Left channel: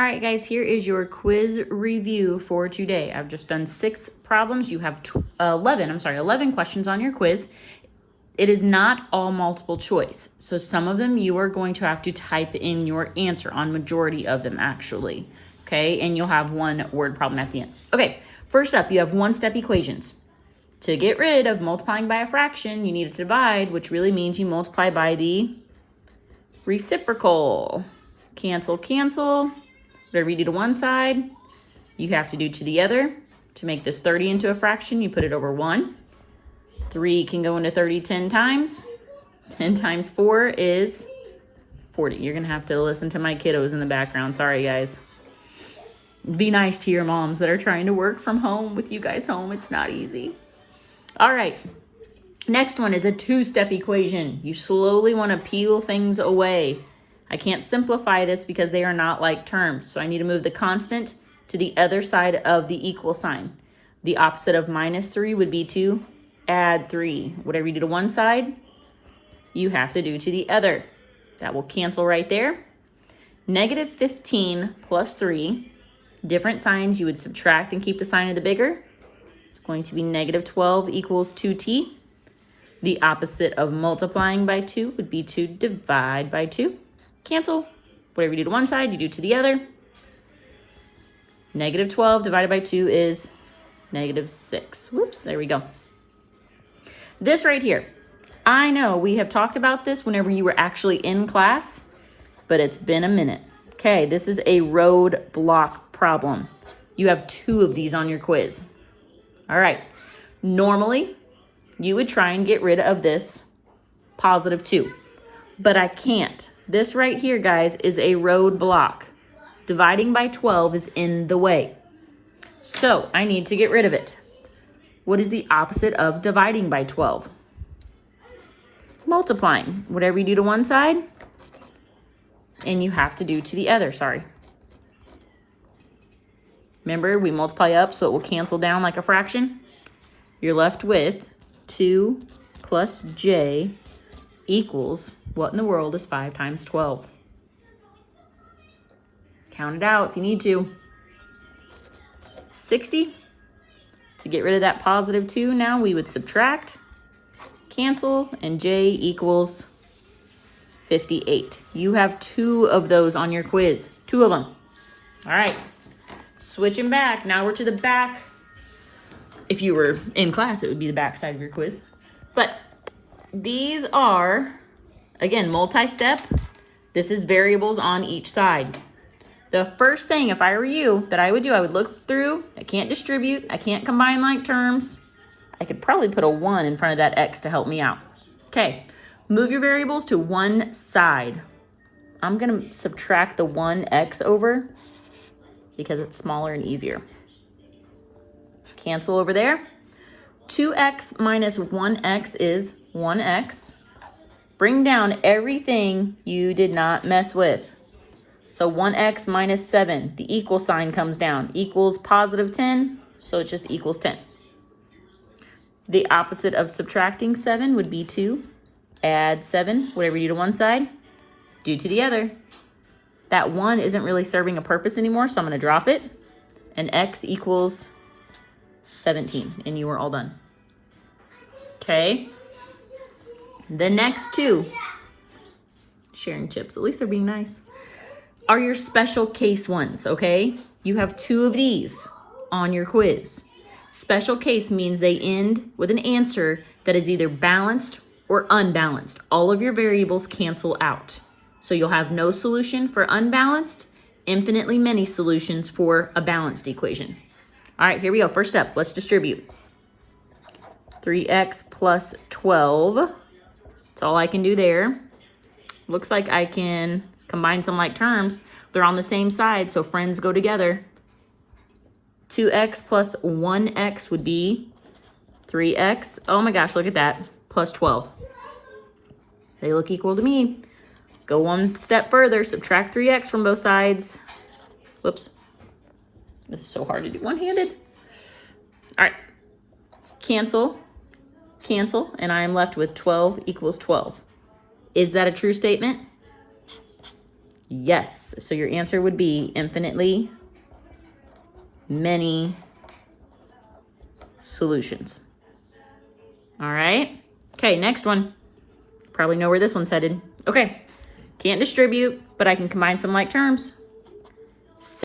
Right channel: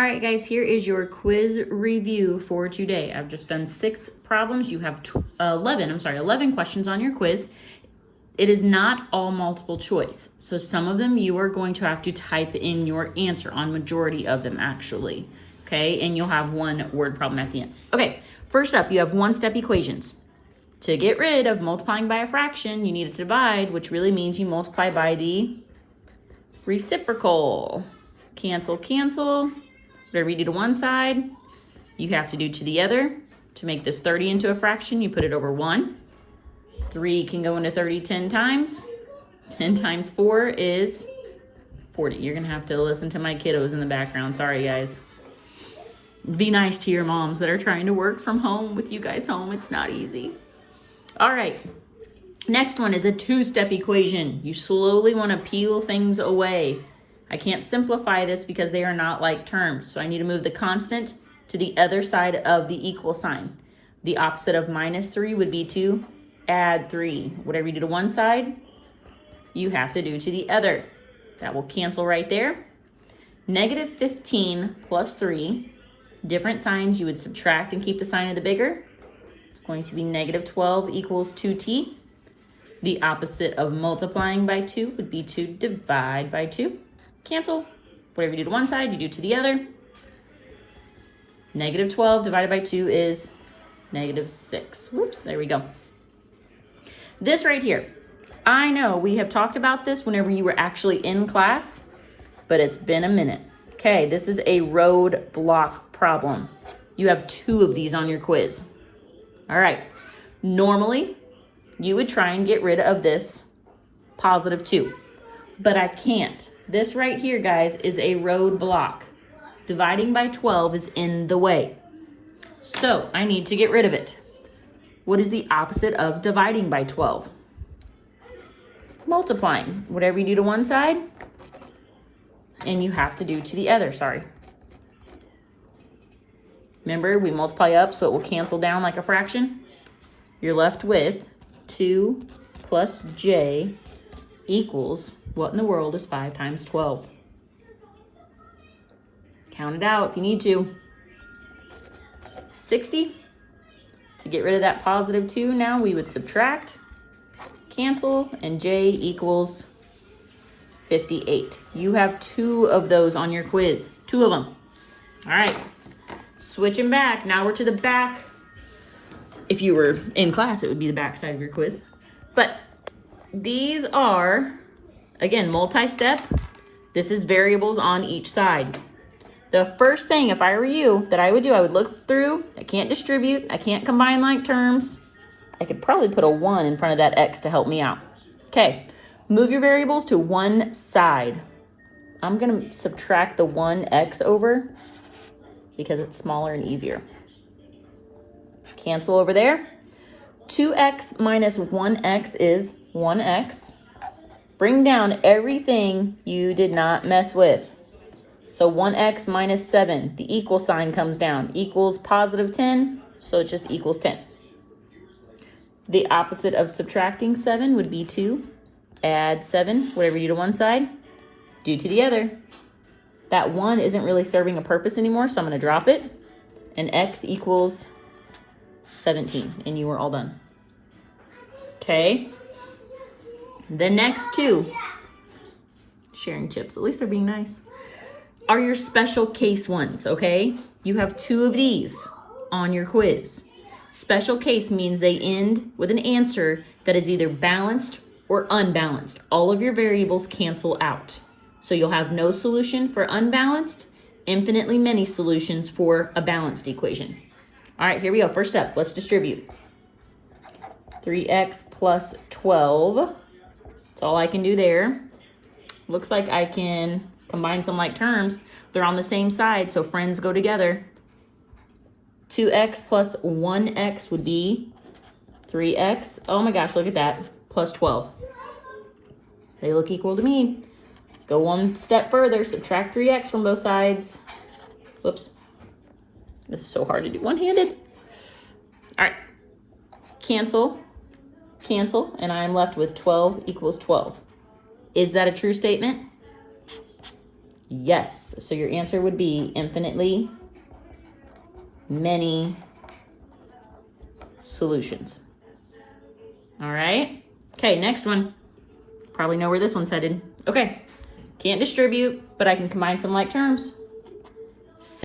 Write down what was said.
All right, guys, here is your quiz review for today. I've just done 6 problems. You have 11 questions on your quiz. It is not all multiple choice. So some of them you are going to have to type in your answer on, majority of them actually. Okay, and you'll have one word problem at the end. Okay, first up, you have one-step equations. To get rid of multiplying by a fraction, you need to divide, which really means you multiply by the reciprocal. Cancel, cancel. Whatever you do to one side, you have to do to the other. To make this 30 into a fraction, you put it over 1. 3 can go into 30 10 times. 10 times 4 is 40. You're going to have to listen to my kiddos in the background. Sorry, guys. Be nice to your moms that are trying to work from home with you guys home. It's not easy. All right. Next one is a 2-step equation. You slowly want to peel things away. I can't simplify this because they are not like terms. So I need to move the constant to the other side of the equal sign. The opposite of -3 would be to add 3. Whatever you do to one side, you have to do to the other. That will cancel right there. -15 plus 3. Different signs, you would subtract and keep the sign of the bigger. It's going to be -12 equals 2t. The opposite of multiplying by 2 would be to divide by 2. Cancel. Whatever you do to one side, you do to the other. -12 divided by 2 is -6. Whoops, there we go. This right here, I know we have talked about this whenever you were actually in class, but it's been a minute. Okay, this is a roadblock problem. You have 2 of these on your quiz. All right, normally you would try and get rid of this +2, but I can't. This right here, guys, is a roadblock. Dividing by 12 is in the way. So I need to get rid of it. What is the opposite of dividing by 12? Multiplying. Whatever you do to one side, and you have to do to the other, sorry. Remember, we multiply up so it will cancel down like a fraction. You're left with 2 plus j equals, what in the world is 5 times 12? Count it out if you need to. 60. To get rid of that +2 now, we would subtract, cancel, and j equals 58. You have 2 of those on your quiz. 2 of them. All right. Switching back. Now we're to the back. If you were in class, it would be the back side of your quiz. But these are, again, multi-step. This is variables on each side. The first thing, if I were you, that I would do, I would look through. I can't distribute. I can't combine like terms. I could probably put a 1 in front of that x to help me out. Okay, move your variables to one side. I'm going to subtract the 1x over because it's smaller and easier. Cancel over there. 2x minus 1x is 1x. Bring down everything you did not mess with. So 1x minus 7, the equal sign comes down, equals +10, so it just equals 10. The opposite of subtracting 7 would be to add 7. Whatever you do to one side, do to the other. That 1 isn't really serving a purpose anymore, so I'm going to drop it. And x equals 17, and you are all done. Okay. The next 2, sharing chips, at least they're being nice, are your special case ones, okay? You have 2 of these on your quiz. Special case means they end with an answer that is either balanced or unbalanced. All of your variables cancel out. So you'll have no solution for unbalanced, infinitely many solutions for a balanced equation. All right, here we go. First up, let's distribute. 3x plus 12. That's all I can do there. Looks like I can combine some like terms. They're on the same side, so friends go together. 2x plus 1x would be 3x. Oh my gosh, look at that. Plus 12. They look equal to me. Go one step further, subtract 3x from both sides. Whoops. This is so hard to do one-handed. All right. Cancel, cancel, and I am left with 12 equals 12. Is that a true statement? Yes. So your answer would be infinitely many solutions. All right. Okay, next one. Probably know where this one's headed. Okay. Can't distribute, but I can combine some like terms.